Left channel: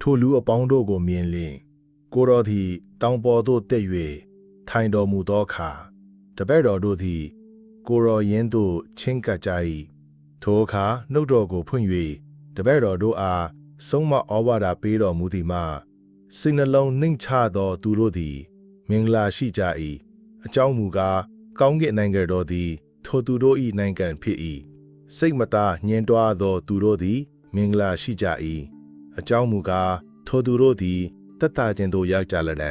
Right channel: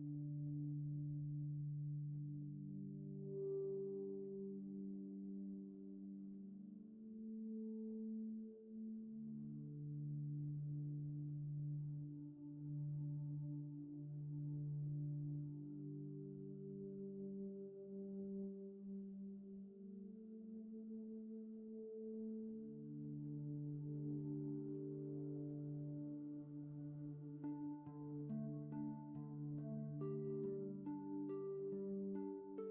ထိုလူအပေါင်းတို့ကိုမြင်လျင်ကိုတော်သည် တောင်ပေါ်သို့တက်၍ထိုင်တော်မူသောအခါတပည့်တော်တို့သည် ကိုတော်ရင်းသို့ချင်းကပ်ကြ၏ထိုအခါနှုတ်တော်ကိုဖွင့်၍တပည့်တော်တို့အားဆုံးမဩဝါဒပေးတော်မူသည်မှာစိတ်နှလုံးနှိမ်ချသောသူတို့သည် မင်္ဂလာရှိကြ၏အကြောင်းမူကားကောင်းကင်နိုင်ငံတော်သည် ထိုသူတို့၏နိုင်ငံဖြစ်၏စိတ်မသာညှင်းတွားသောသူတို့သည် မင်္ဂလာရှိကြ၏ အကြောင်းမူကားထိုသူတို့သည်တက်တာခြင်းသို့ရောက်ကြလတံ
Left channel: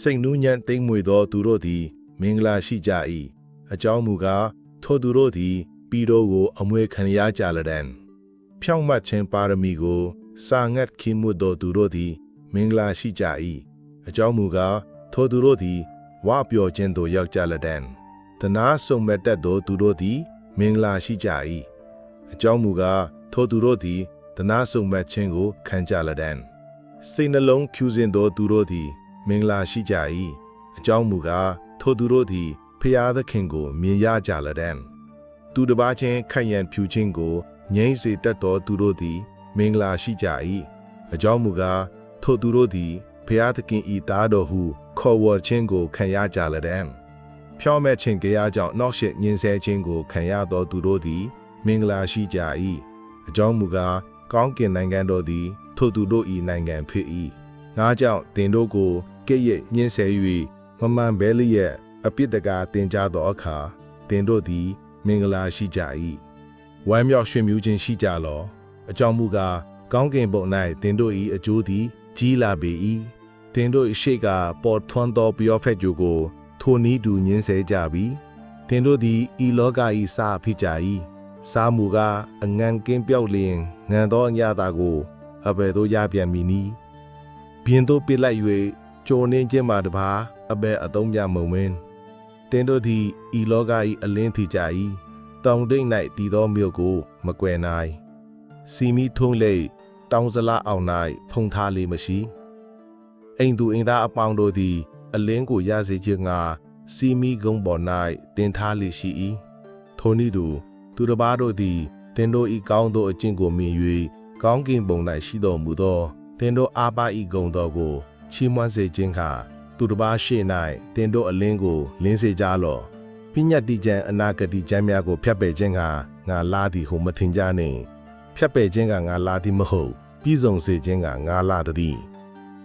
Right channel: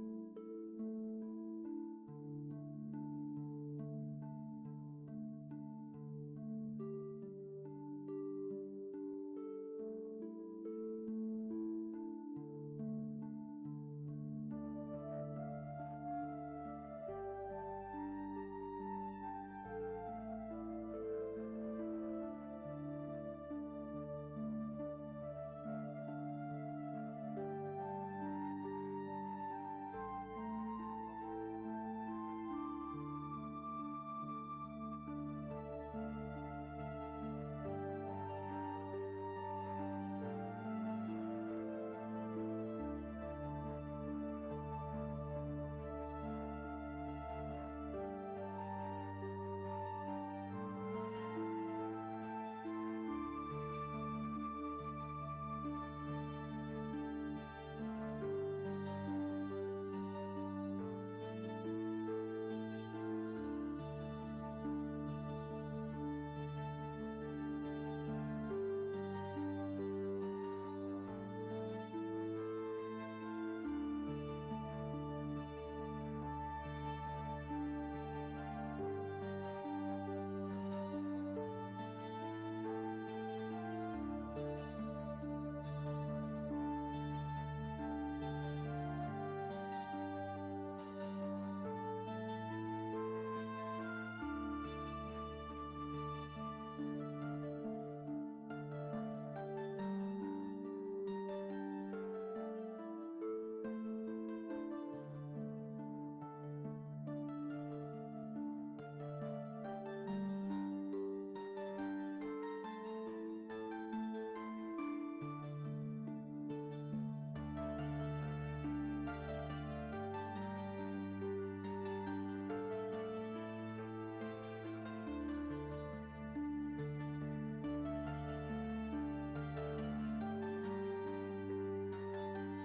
စိတ်နှူးညံ့သိမ့်မွေသောသူတို့သည် မင်္ဂလာရှိကြ၏အကြောင်းမူကားထိုသူတို့သည်ပြည်တော်ကို အမွေခံရကြလတံဖြောင့်မတ်ခြင်းပါရမီကို စာငတ်ခိမှုသောသူတို့သည် မင်္ဂလာရှိကြ၏အကြောင်းမူကားထိုသူတို့သည်ဝါပျော်ခြင်းသို့ရောက်ကြလတံတနာဆုံမဲ့တတ်သောသူတို့သည် မင်္ဂလာရှိကြ၏အကြောင်းမူကားထိုသူတို့သည် တနာဆုံမဲ့ခြင်းကိုခံကြလတံစိတ်နှလုံးဖြူစင်သောသူတို့သည် မင်္ဂလာရှိကြ၏အကြောင်းမူကားထိုသူတို့သည်ဖျားသခင်ကို မြင်ရကြလတံသူတစ်ပါးချင်းခန့်ရန်ဖြူခြင်းကိုငြိမ့်စေတတ်သောသူတို့သည် မင်္ဂလာရှိကြ၏အကြောင်းမူကားထိုသူတို့သည်ဖျားသခင်ဤသားတော်ဟု ခေါ်ဝေါ်ခြင်းကိုခံရကြလတံဖြောမဲ့ခြင်းကြားကြောင့်နောက်ရှစ်ညင်ဆဲခြင်းကိုခံရသောသူတို့သည် မင်္ဂလာရှိကြ၏အကြောင်းမူကား ကောင်းကင်နိုင်ငံတော်သည် ထိုသူတို့၏နိုင်ငံဖြစ်၏ငါကြောင့်တင်တို့ကိုကဲ့ရဲ့ညှင်းဆဲ၍မမှန်ဘဲလျက်အပြစ်တကာတင်ကြသောအခါတင်တို့သည် မင်္ဂလာရှိကြ၏ဝမ်းမြောက်ရွှင်မြူးခြင်းရှိကြလောအကြောင်းမူကားကောင်းကင်ဘုံ၌တင်တို့၏အကျိုးသည် ကြီးလာပေ၏တင်တို့၏ရှေ့ကပေါ်ထွန်းသောပျော်ဖက်ကြိုကို ထိုနည်းတူညင်းဆဲကြပြီတင်တို့သည်ဤလောက၏စာဖြစ်ကြ၏ စာမူကားအငန်ကင်းပြောက်လျင်ငံသောအညတာကိုအဘယ်သို့ရပြန်မည်နည်းပြင်းတို့ပစ်လိုက်၍ကြိုနှင်းခြင်းမှာတပါအဘယ်အသုံးပြမုံမင်းတင်တို့သည်ဤလောက၏အလင်းထီကြ၏တောင်တိတ်၌တည်သောမြို့ကို မကွယ်နိုင်စီမီထုံးလေတောင်စလားအောင်၌ဖုံထားလေမရှိအိမ်သူအိမ်သားအပေါင်းတို့သည် အလင်းကိုရစေခြင်းငှာစီမီကုန်းပေါ်၌တင်ထားလေရှိ၏ထိုနည်းတူ သူတစ်ပါးတို့သည်တင်တို့ဤကောင်းသောအကျင့်ကိုမြင်၍ကောင်းကင်ဘုံ၌ရှိတော်မူသောတင်တို့အာပါဤဂုံတော်ကိုချီးမွမ်းစေခြင်းခါသူတစ်ပါးရှေ့၌တင်တို့အလင်းကိုလင်းစေကြလော့ပညတ်တိကျမ်းအနာဂတိကျမ်းများကိုဖျက်ပယ်ခြင်းကငါလာသည်ဟုမထင်ကြနှင့်ဖျက်ပယ်ခြင်းကငါလာသည်မဟုတ်ပြည်စုံစေခြင်းကငါလာသည်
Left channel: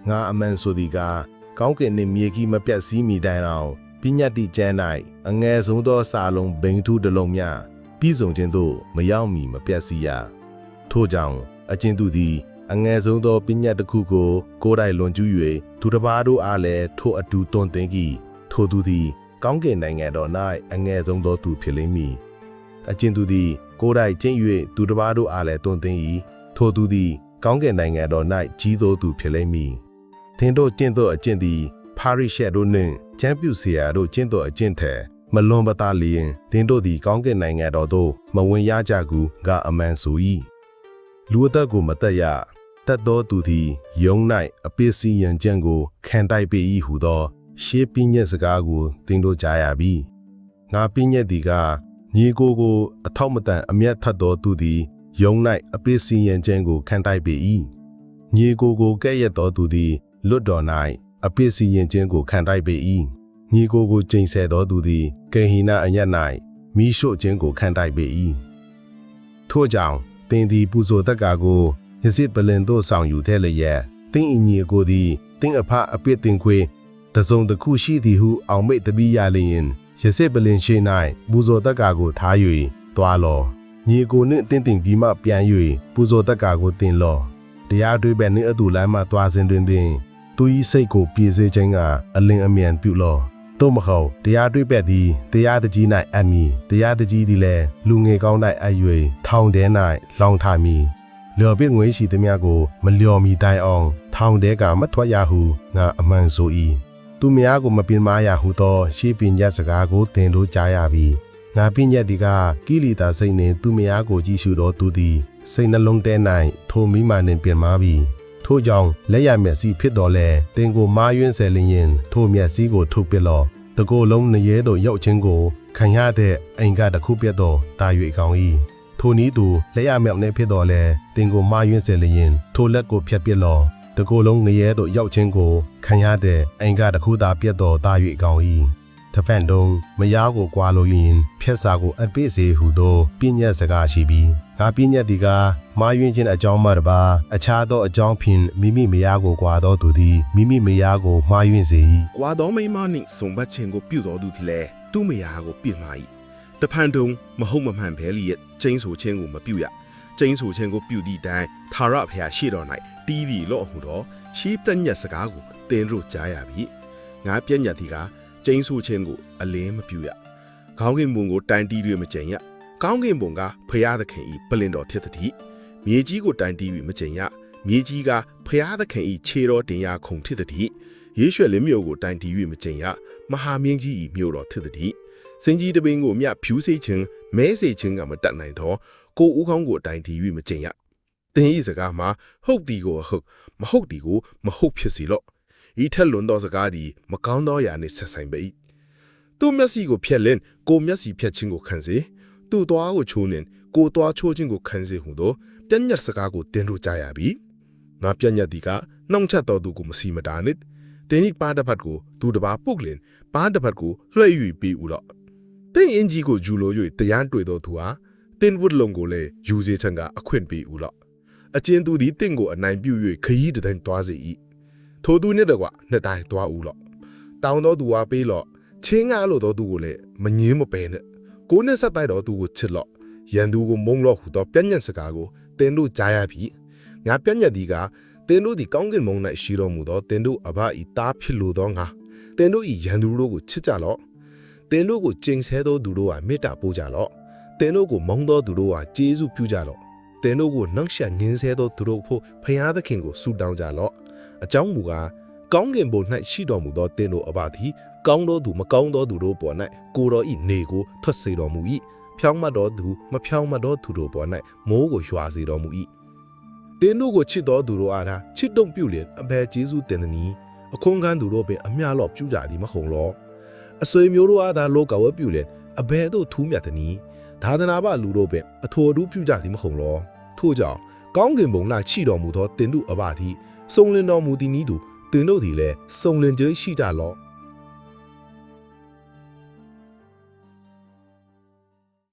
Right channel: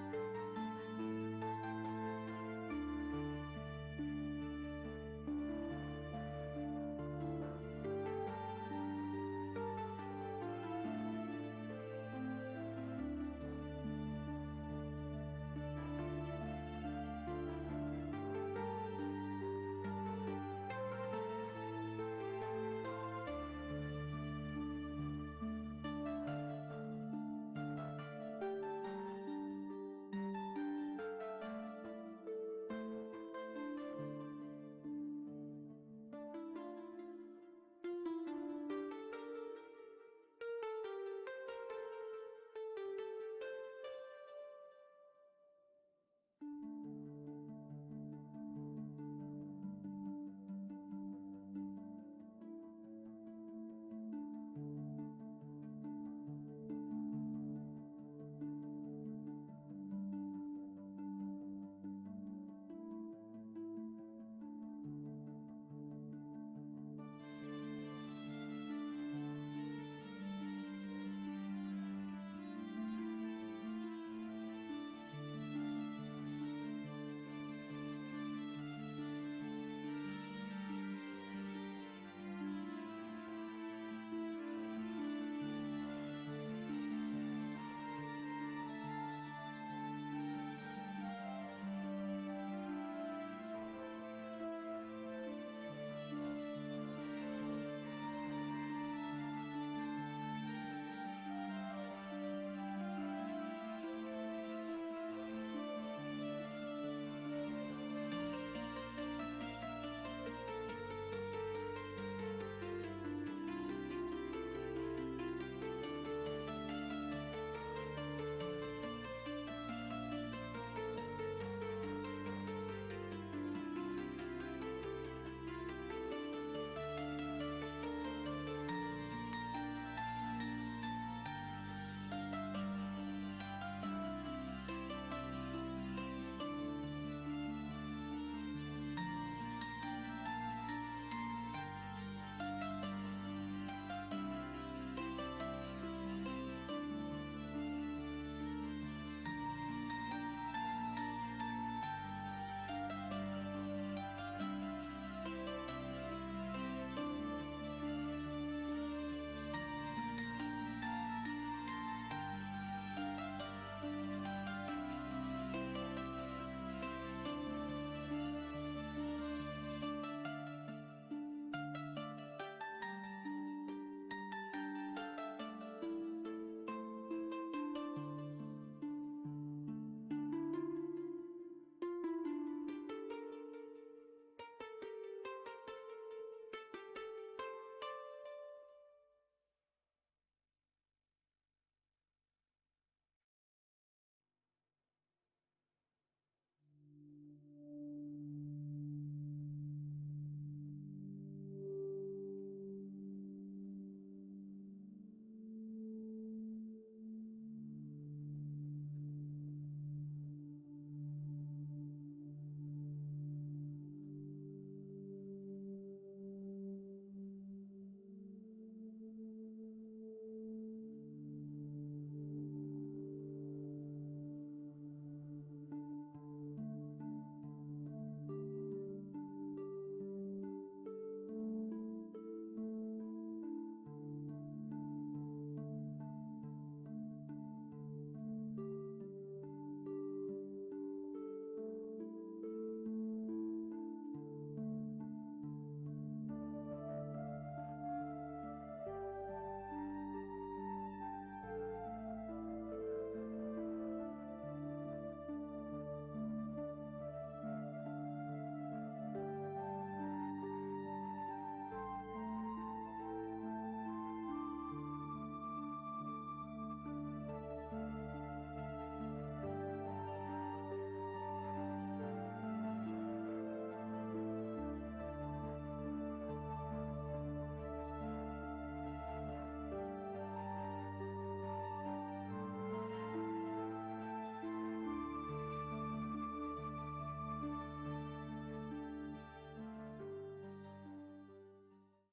ငါအမှန်ဆိုသည်ကားကောင်းကင်နှင့်မြေကြီးမပြတ်စည်းမိတိုင်အောင်ပညတ်တိကျမ်း၌အငယ်ဆုံးသောစာလုံးဘိန်ထုတစ်လုံးများ ပြည်စုံခြင်းသို့မရောက်မီမပြတ်စီရထို့ကြောင့်အကျဉ်သူသည် အငယ်ဆုံးသောပညာတစ်ခုကို ကိုယ်တိုင်လွန်ကျူး၍သူတစ်ပါးတို့အားလည်းထိုအတူတွင်သင်ကီထိုသူသည် ကောင်းကင်နိုင်ငံတော်၌အငယ်ဆုံးသောသူဖြစ်လိမ့်မည်အကျဉ်သူသည် ကိုယ်တိုင်ကျင့်၍သူတစ်ပါးတို့အားလည်းတွင်သင်၏ထိုသူသည် ကောင်းကင်နိုင်ငံတော်၌ကြီးသောသူဖြစ်လိမ့်မည်သင်တို့ကျင့်သောအကျင့်သည် ပါရိရှက်တို့နှင့်ကျမ်းပြူဆရာတို့ကျင့်သောအကျင့်ထက် မလွန်ပသားလျင်သင်တို့သည်ကောင်းကင်နိုင်ငံတော်သို့မဝင်ရကြကူကအမှန်ဆို၏လူအသက်ကိုမတက်ရတတ်သောသူသည်ယုံ၌အပစ္စည်းရန်ကြံကိုခံတိုက်ပေ၏ဟုသော ရှေးပညက်စကားကိုသင်တို့ကြားရပြီငါပညက်သည်ကညီကိုကိုအထောက်မတန်အမျက်ထတ်သောသူသည်ယုံ၌အပစ္စည်းရန်ကြံကိုခံတိုက်ပေ၏ညီကိုကိုကဲ့ရဲ့သောသူသည်လွတ်တော်၌အပစ္စည်းရန်ကြံကိုခံတိုက်ပေ၏ ညီကိုကိုကျိန်ဆဲသောသူသည်ကေဟိနအညတ်၌မိရှို့ခြင်းကိုခံတိုက်ပေ၏ထို့ကြောင့်သင်သည်ပူဇော်သက်ကာကိုယဇစ်ပလင်သို့ဆောင်ယူတဲ့လျက်သင်အညီကိုသည်သင်အဖအပြစ်တင်ခွေတစုံတစ်ခုရှိသည်ဟုအောင်မိတ်တပိရလျင်ယဇစ်ပလင်ရှိ၌ပူဇော်သက်ကာကိုထား၍တွားလောညီကိုနှင့်တင်းတင်ပြီးမှပြန်၍ပူဇော်သက်ကာကိုတင်လောတရားတွေးပဲနှင့်အတူလမ်းမှတွားစဉ်တွင်တွင်သူ၏စိတ်ကိုပြေစေခြင်းကအလင်းအမြန်ပြုလော သို့မဟုတ်တရားတွေ့ပက်သည်တရားတကြီး၌အမည်တရားတကြီးသည်လည်းလူငယ်ကောင်း၌အ၍ထောင်ထဲ၌လောင်ထမည်လျော်ပြစ်ငွေရှိသည်များကို မလျော်မီတိုင်အောင် ထောင်ထဲကမထွက်ရဟုငါအမှန်ဆို၏သူများကိုမပင်မာရဟုသော ရှေးပညာစကားကိုသင်တို့ကြားရပြီငါပညတ်ဒီကကိလီတာစိတ်နှင့်သူများကိုကြည့်ရှုသောသူသည်စိတ်နှလုံးထဲ၌ထိုမိမာနှင့်ပြင်မာပြီ ထို့ကြောင့်လက်ရမျက်စိဖြစ်တော်လဲတင်ကိုမာယွင်းဆယ်လင်းရင်ထိုမျက်စိကိုထုတ်ပစ်လော့တကိုယ်လုံးနရဲသို့ရောက်ခြင်းကိုခံရတဲ့အိမ်ကတစ်ခုပြတ်သောတာ၍ကောင်း၏ထိုနည်းသူလက်ရမြောက်နေဖြစ်တော်လဲတင်ကိုမာယွင်းစေလျင်ထိုလက်ကိုဖြတ်ပစ်လောတကိုယ်လုံးငရဲသို့ရောက်ခြင်းကိုခံရတဲ့အင်္ဂါတစ်ခုသာပြတ်တော်တာ၍ကောင်း၏ တဖန်တုံးမယားကိုကွာလို့ရင်ဖြက်စာကိုအပိစေဟုသောပြည့်ညတ်စကားရှိပြီးငါပြည့်ညတ်ဒီကမာယွင်းခြင်းအကြောင်းမှတပါအခြားသောအကြောင်းဖြင့်မိမိမယားကိုကွာတော်သူသည်မိမိမယားကိုမှားယွင်းစေ၏ကွာတော်မိန်းမနှင့်စုံဘတ်ခြင်းကိုပြုတော်သူသည်လည်းသူ့မယားကိုပြစ်မှာ၏တဖန်တုံမဟုတ်မမှန်ဘဲလျက်ကျင်းဆိုခြင်းကိုမပြုရကျင်းဆိုခြင်းကိုပြုသည့်တိုင်သာရဖျာရှိတော်၌တီးသည်လော့ဟုတော့ရှေးပြညတ်စကားကိုတင်းတို့ကြားရပြီငါပြညတ်သည်က ကျင်းဆိုခြင်းကိုအလင်းမပြုရခေါင်းကင်ဘုံကိုတိုင်တီး၍မကျင်ရကောင်းကင်ဘုံကဖျားသခင်ဤပလင်တော် thiết သည်မြေကြီးကိုတိုင်တီး၍မကျင်ရမြေကြီးကဖျားသခင်ဤခြေတော်တင်ရခုံ thiết သည်ယေရှုလင်းမြို့ကိုတိုင်တီး၍မကျင်ရမဟာမင်းကြီးဤမြို့တော်ဖြစ်သည်စင်ကြီးတပင်းကိုမြဖြူးစိတ်ခြင်းမဲစိတ်ခြင်းကမတတ်နိုင်တော့ကိုဦးခေါင်းကိုတိုင်တီး၍မကျင်ရတင်းဤစကားမှာဟုတ်ဒီကိုဟုတ်မဟုတ်ဒီကိုမဟုတ်ဖြစ်စီလော့ ဤထက်လွန်သောစကားသည်မကောင်းသောအရာနှင့်ဆက်ဆိုင်ပေ၏သူမျက်စိကိုဖျက်လင်းကိုမျက်စိဖျက်ခြင်းကိုခံစေသူ့သွားကိုချိုးလင်းကိုသွားချိုးခြင်းကိုခံစေဟုသောပြညတ်စကားကိုတင်းတို့ကြားရပြီငါပြညတ်ဒီကနှောင့်ချက်တော်သူကိုမစီမတာနစ်တင်းဤပါတစ်ဖက်ကိုသူတစ်ပါးပုတ်လင်ပါတစ်ဖက်ကိုလွှဲ၍ပြီးဦးတော့တင်းအင်ကြီးကိုဂျူလို၍တရားတွေ့တော်သူဟာတင်းဝုဒ်လုံကိုလည်းယူစေချံကအခွင့်ပေးဦးတော့အချင်းသူသည်တင်းကိုအနိုင်ပြု၍ခရီးတတိုင်းသွားစေ၏ ထိုသူနှင့်တကွနှစ်တိုင်းသွားဦးတော့တောင်းတော်သူဟာပေးလော့ချင်းကားလို့တော်သူကိုလည်းမငင်းမပယ်နဲ့ကိုနဲ့ဆက်တိုက်တော်သူကိုချစ်လော့ရန်သူကိုမုံလော့ဟူသောပြညတ်စကားကိုတင်းတို့ကြားရပြီငါပြညတ်ဒီကတင်တို့သည်ကောင်းကင်ဘုံ၌ရှိတော်မူသောတင်တို့အဘဤသားဖြစ်လိုသောငါတင်တို့ဤရန်သူတို့ကိုချစ်ကြလော့တင်တို့ကိုကျင်ဆဲသောသူတို့ဟာမေတ္တာပို့ကြလော့တင်တို့ကိုမုန်းသောသူတို့ဟာကျေးဇူးပြုကြလော့တင်တို့ကိုနှောက်ယှက်ညှင်းဆဲသောသူတို့ဖို့ဖျားသခင်ကိုဆုတောင်းကြလော့ အကြောင်းမူကားကောင်းကင်ဘုံ၌ရှိတော်မူသောတင်တို့အဘသည်ကောင်းသောသူမကောင်းသောသူတို့ပေါ်၌ကိုတော်ဤနေကိုထွက်စေတော်မူ၏ဖြောင်းမတ်တော်သူမဖြောင်းမတ်သောသူတို့ပေါ်၌မိုးကိုရွာစေတော်မူ၏တင်းတို့ကိုချစ်တော်သူတို့အားသာချစ်တုံပြုလင်အဘယ်ကျေးဇူးတင်သနည်းအခွန်ကန်းသူတို့ပင်အမျှလော့ပြုကြသည်မဟုတ်လောအဆွေမျိုးတို့အားသာလောကဝဲပြုလင်အဘယ်သို့ထူးမြတ်သနည်းသာသနာ့ဘလူတို့ပင်အထော်အထူးပြုကြသည်မဟုတ်လောထို့ကြောင့်ကောင်းကင်ဘုံ၌ရှိတော်မူသောတင်တို့အဘသည် စုံလင်တော်မူသည်နည်းတူတင်တို့သည်လည်းစုံလင်ခြင်းရှိကြလော့